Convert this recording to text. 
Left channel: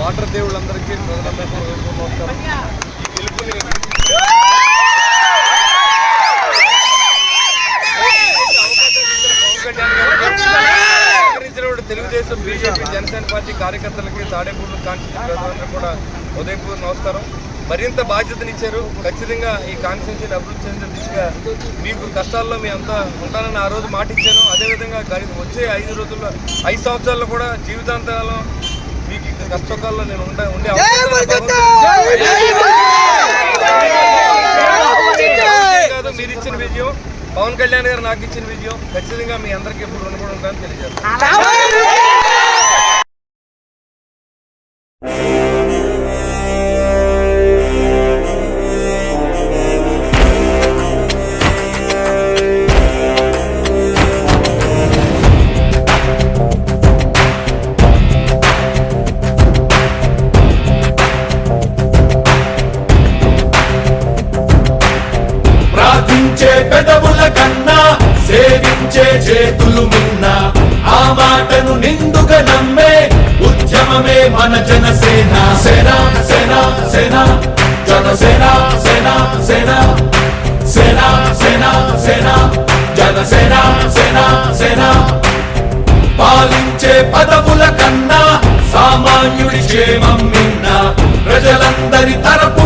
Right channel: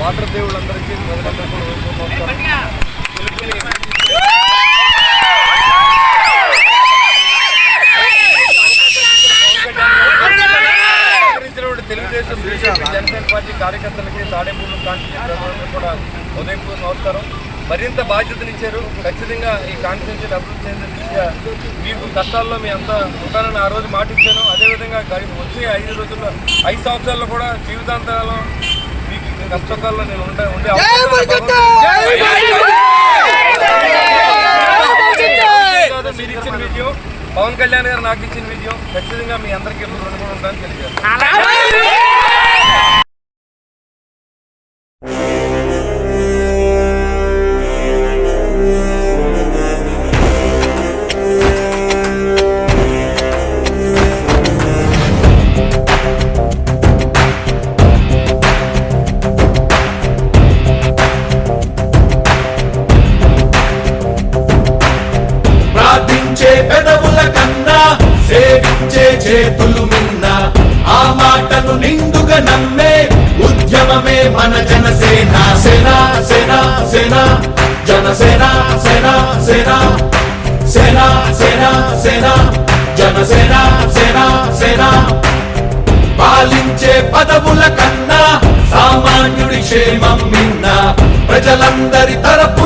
Water దేవుళ్ళందరికీ Telugu Desam BJP Janasena party కార్యకర్తలకి తాడేపూర్లు కాన్స్టిట్యూన్సీ ప్రజలందరూ కూడా ఉదయపూర్వ నమస్కారం. మరింత బాధ్యతనిచ్చారు. ఖచ్చితంగా ఈ కాన్స్టిట్యూన్సీని అభివృద్ధి చెందే దిశగా మీకు కష్టాల్లో మీ అంతా ఉంటానని ఆ రోజు మాట ఇచ్చాను. అదేవిధంగా వచ్చే 5 రోజుల్లో 5 సంవత్సరాల్లో కూడా జీవితాంతకాలం మీకు కష్టకాల్లో నేను ఉండే మీరు ఇచ్చిన విజయం, పవన్ కళ్యాణ్ గారు నాకు ఇచ్చిన విజయం ఖచ్చితంగా మీ అందరికీ ఎప్పుడు రుణపడి ఉంటానని తెలియజేస్తాను. పెదవుల కన్నా సేవించే చేతులు మిన్న ఆ మాటను నిండుగా నమ్మే ఉద్యమమే మన జనసేన. సేన సేన సేన జనసేన సేన సేన సేన సేన సేన జనసేన సేన సేన. పాలించే పదవుల కన్నా సామాన్యుడి క్షేమం మిన్న ప్రజలందరి తరపు